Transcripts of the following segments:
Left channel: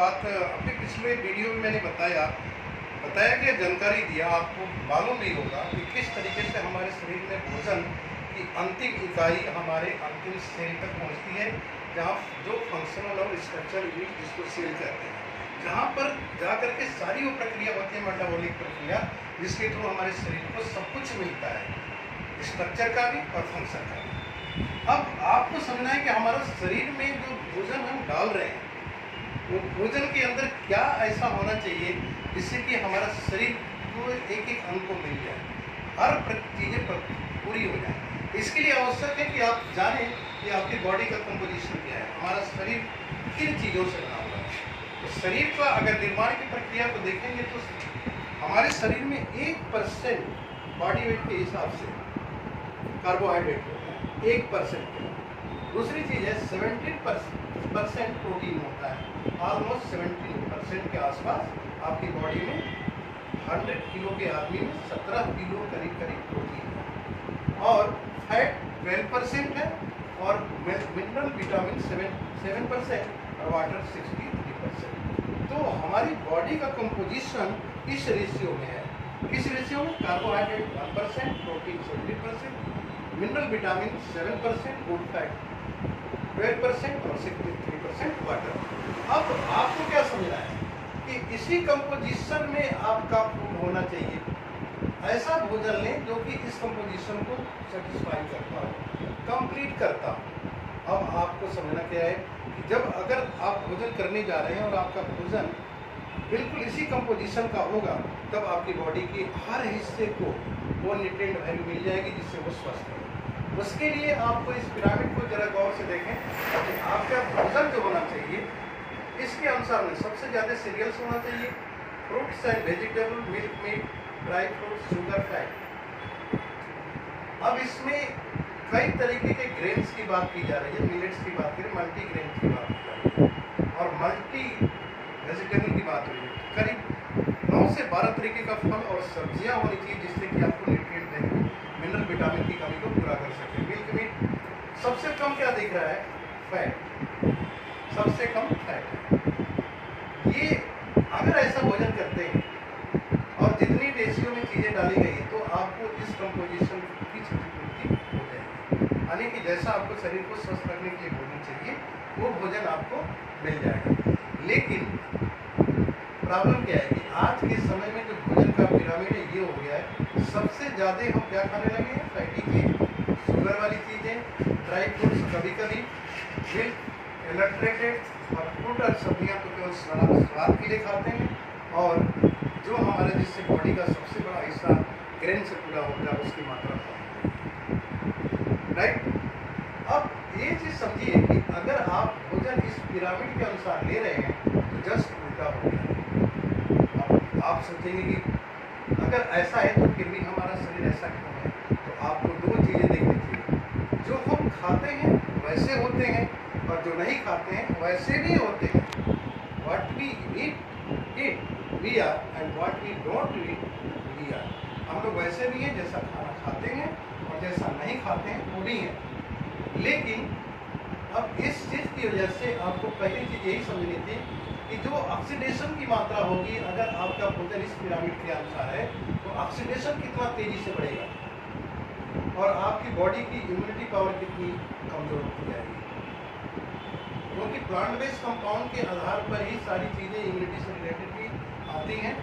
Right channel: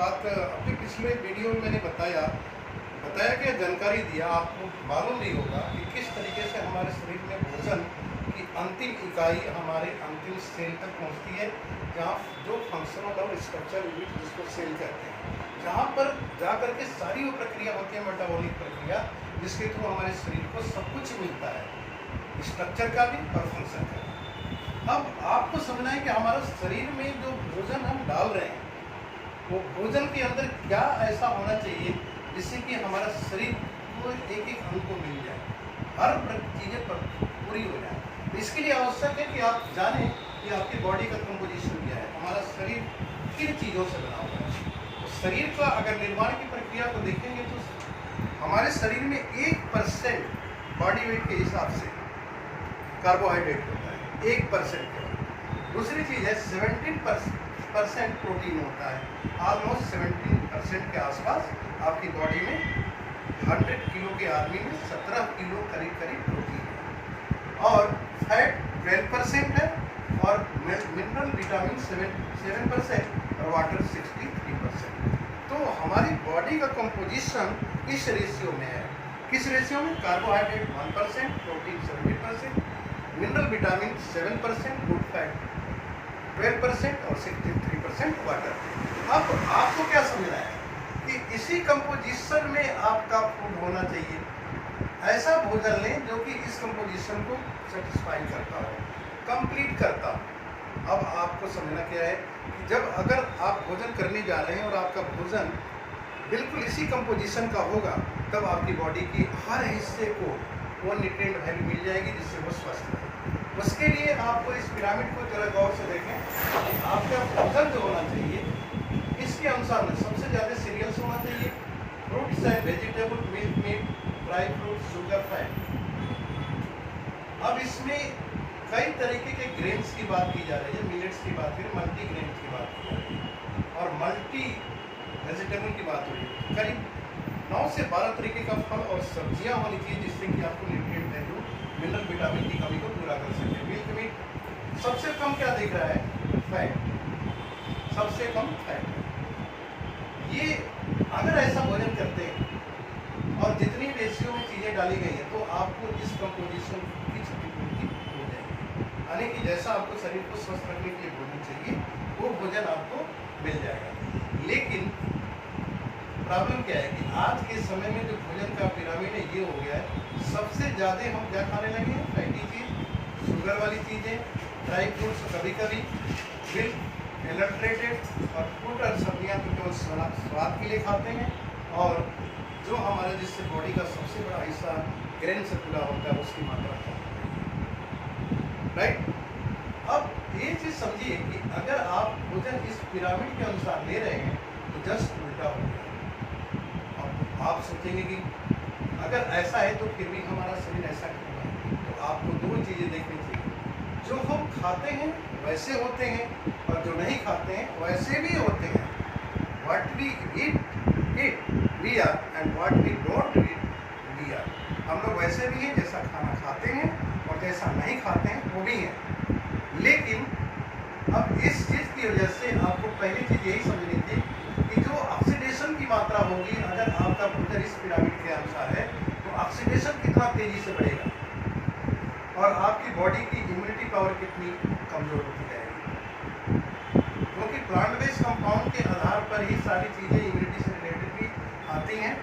बात अपने पिछले वीडियो में मैंने बताया कि जानकारी दिया, आपको मालूम भी होगा कि किस तरीके से हमारे शरीर में भोजन की अंतिम इकाई हमारे अंतिम सेल तक पहुंचती है, जहां जो फंक्शनल और स्ट्रक्चरल यूनिट जिसको सेल कहते हैं, जहां पर जा करके सारी वो प्रक्रिया होती है, मेटाबॉलिक प्रक्रिया, जिसके थ्रू हमारे शरीर को सब कुछ मिलता है, स्ट्रक्चर का भी और फंक्शन का भी। अब आपको समझना है कि हमारा शरीर में जो भोजन हम डाल रहे हैं, वो भोजन के अंदर क्या ऐसा होना चाहिए जिससे कि हमारा शरीर को एक एक अंग को मिल जाए, हर चीज़ें पूरी हो जाए। इसके लिए आवश्यक है कि आप जानें कि आपकी बॉडी का कंपोजिशन क्या है, हमारा शरीर किन चीज़ों से बना हुआ है। तो शरीर का अगर निर्माण की प्रक्रिया को देखेंगे तो हमारे शरीर में 1% बॉडी वेट के हिसाब से कार्बोहाइड्रेट होता है, 1% के बाद। दूसरी चीज़ है 17% प्रोटीन होता है, ऑलमोस्ट 17% के आसपास आपकी बॉडी में 100 किलो के आदमी में 17 किलो करीब प्रोटीन है, और फैट 12% है, और मिनरल विटामिन 7% और वाटर 63%। तो हमारी बॉडी का कंपोजिशन इस रेशियो में है। किस रेशियो में? Carbohydrate 1%, protein 70%, mineral vitamin 7%, good fat 12% और 63% वाटर। अब आपको क्या समझना है कि इसी कंपोजिशन में आपका फूड होना चाहिए। ऐसा भोजन लें जो कि इस कंपोजिशन को सेटिस्फाई करता हो, कंप्लीट करता हो। अब आपको समझना क्या है कि जब अगर आप भोजन करने जा रहे हैं और आपका भोजन बिल्कुल इसी कंपोजिशन का होगा, तब आपकी बॉडी की हर हिस्से को वो न्यूट्रिएंट वैल्यू मिल जाएगी जिससे वो स्वस्थ रहे। उसके लिए आपको इस पिरामिड को जरा गौर से देखें कि आपका भोजन जो होना चाहिए, इसके अनुसार में सबसे ज़्यादा सीरियल्स होना चाहिए, fruits and vegetable, milk meet, dry fruit, sugar, fat. अब इसमें कई तरीके के ग्रेन्स की बात की जा रही है, मिलेट्स की बात करें, मल्टी ग्रेन की बात की जा रही है, और मल्टी वेजिटेबल की बात हो रही है। करीब 9 से 12 तरीके का फल और सब्जियां होनी चाहिए जिससे कि आपको न्यूट्रिएंट वैल्यू, मिनरल विटामिन की कमी को पूरा कर सके। मिल्क मीट सबसे कम क्या दिख रहा है? फैट, सबसे कम फैट। ये अगर ऐसा भोजन करते हैं और जितनी रेशियो में चीज़ें डाली गई है, तो आपको इस कंपोजिशन की क्षतिपूर्ति हो जाएगी, यानी कि जैसा आपको शरीर को स्वस्थ रखने के लिए भोजन चाहिए, वो भोजन आपको मिल जाएगा। लेकिन प्रॉब्लम क्या है कि आज के समय में जो भोजन का पिरामिड है ये हो गया है, सबसे ज़्यादा हम क्या खाने लगे हैं? फैटी चीज़, शुगर वाली चीज़ें, ड्राई फ्रूट्स, कभी कभी मिल्क, एडल्ट्रेटेड, और फ्रूट और सब्जियाँ तो केवल स्वाद के लिए खाते हैं, और जो हमारे जिससे बॉडी का सबसे बड़ा हिस्सा ग्रेन से पूरा होता है उसकी मात्रा कम है, राइट। अब ये चीज़ समझिए कि अगर आप भोजन इस पिरामिड के अनुसार ले रहे हैं तो जस्ट उल्टा हो गया। अब आप सोचेंगे कि अगर ऐसा है तो फिर भी हमारा शरीर ऐसा क्यों है? तो आपको दो चीज़ें देखनी चाहिए, जो हम खाते हैं वैसे होते हैं, और जो नहीं खाते हैं वैसे भी होते हैं। What we eat we are, and what we don't eat we are. हम लोग वैसे भी हैं जैसा खाना खाते हैं, और जैसा नहीं खाते हैं वो भी हैं। लेकिन अब इस चीज़ की वजह से आपको पहली चीज़ यही समझनी थी कि जो ऑक्सीडेशन की मात्रा होगी, अगर आपका भोजन इस पिरामिड के अनुसार है, तो ऑक्सीडेशन कितना तेज़ी से बढ़ेगा, और आपकी बॉडी की इम्यूनिटी पावर कितनी कमज़ोर होती जाएगी। क्योंकि प्लांट बेस्ड कंपाउंड के आधार पर ही सारी चीज़ें इम्यूनिटी से रिलेटेड भी आती हैं,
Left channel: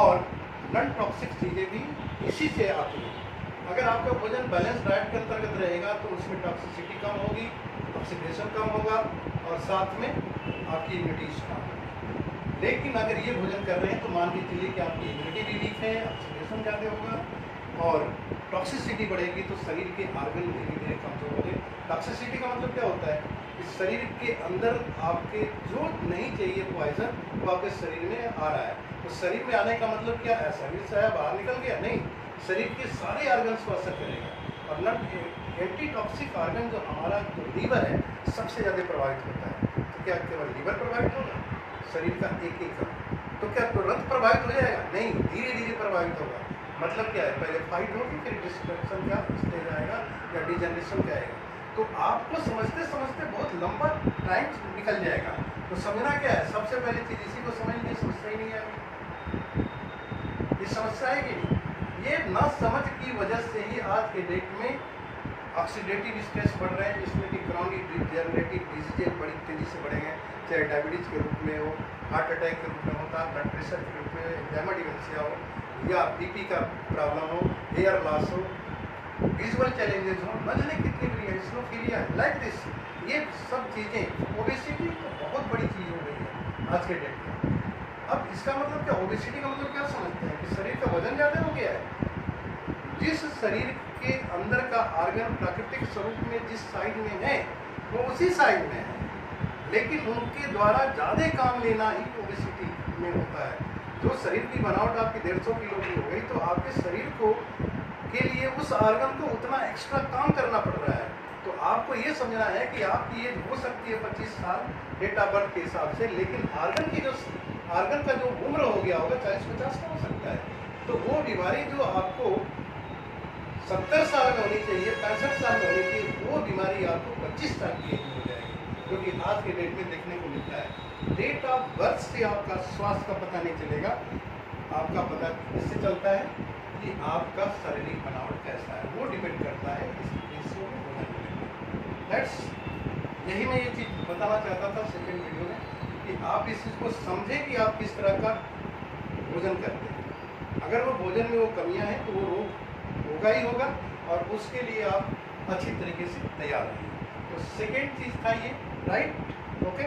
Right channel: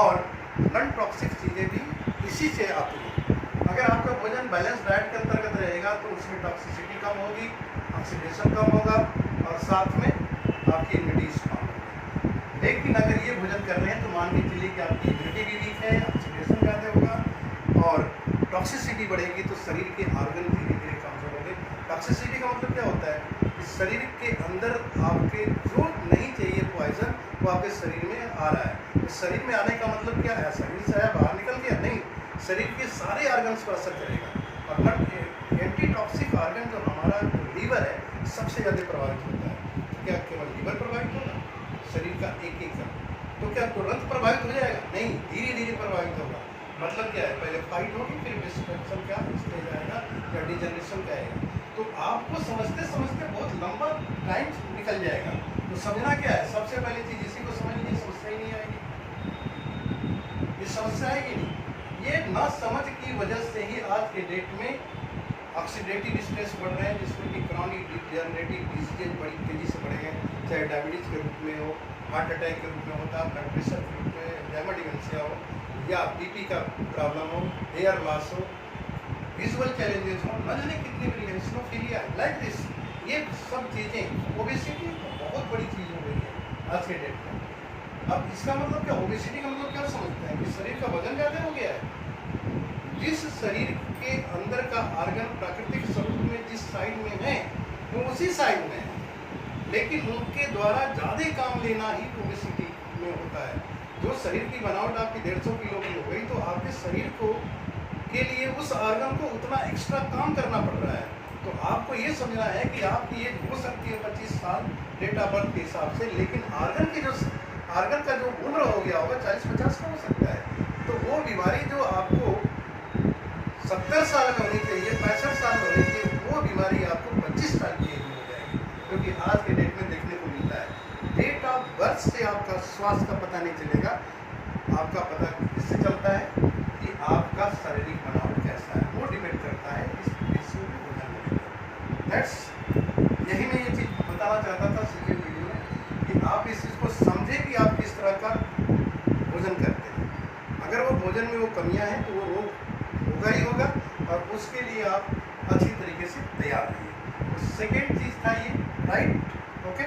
और नॉन टॉक्सिक चीज़ें भी इसी से आती हैं। अगर आपका भोजन बैलेंस डाइट के अंतर्गत रहेगा तो उसमें टॉक्सिसिटी कम होगी, ऑक्सीडेशन कम होगा, और साथ में आपकी इम्यूनिटी स्ट्रॉन्ग होगी। लेकिन अगर ये भोजन कर रहे हैं तो मान के चलिए कि आपकी इम्यूनिटी भी वीक है, ऑक्सीडेशन ज़्यादा होगा और टॉक्सिसिटी बढ़ेगी, तो शरीर के ऑर्गन धीरे धीरे कमजोर होंगे। टॉक्सिसिटी का मतलब क्या होता है कि शरीर के अंदर आपके जो नहीं चाहिए पॉइजन वो आपके शरीर में आ रहा है। तो शरीर में आने का मतलब क्या है? शरीर से आया बाहर निकल गया? नहीं, शरीर के सारे ऑर्गन्स पर असर करेगा। और नॉट एंटी टॉक्सिक ऑर्गन जो हमारा लीवर है सबसे ज़्यादा प्रभावित होता है। तो क्या केवल लीवर प्रभावित होगा? शरीर का एक एक तो क्या तुरंत प्रभावित हो जाएगा? नहीं, धीरे धीरे प्रभावित होगा। मतलब क्या है? पहले फाइट होगी, फिर डिस्ट्रक्शन का स्टेज आएगा या डिजनरेशन का आएगा। तो आपको समझते समझते बहुत लंबा टाइम निकल जाएगा। तो समझना क्या है, सबसे पहली चीज़ इसी को समझ लीजिए, समस्या ही नहीं आएगी, ये समस्या आएगी नहीं। ये ना समझ की वजह से ही आज के डेट में ऑक्सीडेटिव स्ट्रेस बढ़ रहे हैं, जिसमें कि क्रॉनिक डिजेनरेटिव डिजीजेज बड़ी तेज़ी से बढ़ेंगे, चाहे डायबिटीज़ के रूप में हो, हार्ट अटैक के रूप में होता, ब्लड प्रेशर के रूप में, एडेमा डिमेंशिया हो, या बीपी का प्रॉब्लम हो, हेयर लॉस हो, विजुअल चैलेंजेस हो, न जाने कितनी बड़ी है, स्नोफीलिया है, लाइक दिस। ये सब चीज़ें, ओबेसिटी तो बहुत बड़ी चीज़ हो गई है आज के डेट में। अब इसका मतलब क्या, ओबेसिटी का मतलब क्या समझते हैं कि शरीर का वजन ज़्यादा हो गया है। जिस शरीर के अंदर का ऑर्गन प्राकृतिक स्वरूप में जिस साइड में है वो उसी साइड में है, लेकिन उनके द्वारा ज़्यादा काम लेना ही ओबेसिटी में होता है। जो शरीर की बनावट आपकी 150 किलो की हो गई, तो आपके शरीर को के लिए उस ऑर्गन को उतना एक्स्ट्रा काम करना पड़ रहा है। तो आपको ये समझना है कि आपकी एज हो सकती है 25 साल डेट ऑफ बर्थ के हिसाब से, लेकिन ऑर्गन का जो उम्र हो गया होगा 40-50 का हो सकता है। तो वो बीमारी जो आपको 70 साल में होनी चाहिए, 65 साल में होनी चाहिए, वो बीमारी आपको 25 साल की एज में हो जाएगी, क्योंकि आज के डेट में देखने को मिलता है। डेट ऑफ बर्थ से आपका स्वास्थ्य का पता नहीं चलेगा, आपका पता किससे चलता है कि आपका शारीरिक बनावट कैसा है, वो डिपेंड करता है इस विषय में वजन को लेकर। दैट्स, यही मैं ये चीज़ बताना चाहता था सेकेंड वीडियो में, कि आप इस चीज़ को समझें कि आप किस तरह का भोजन करते हैं। अगर वो भोजन में वो कमियां हैं तो वो रोग होगा ही होगा, और उसके लिए आप अच्छी तरीके से तैयार रहिए। तो सेकेंड चीज़ था ये, राइट, ओके।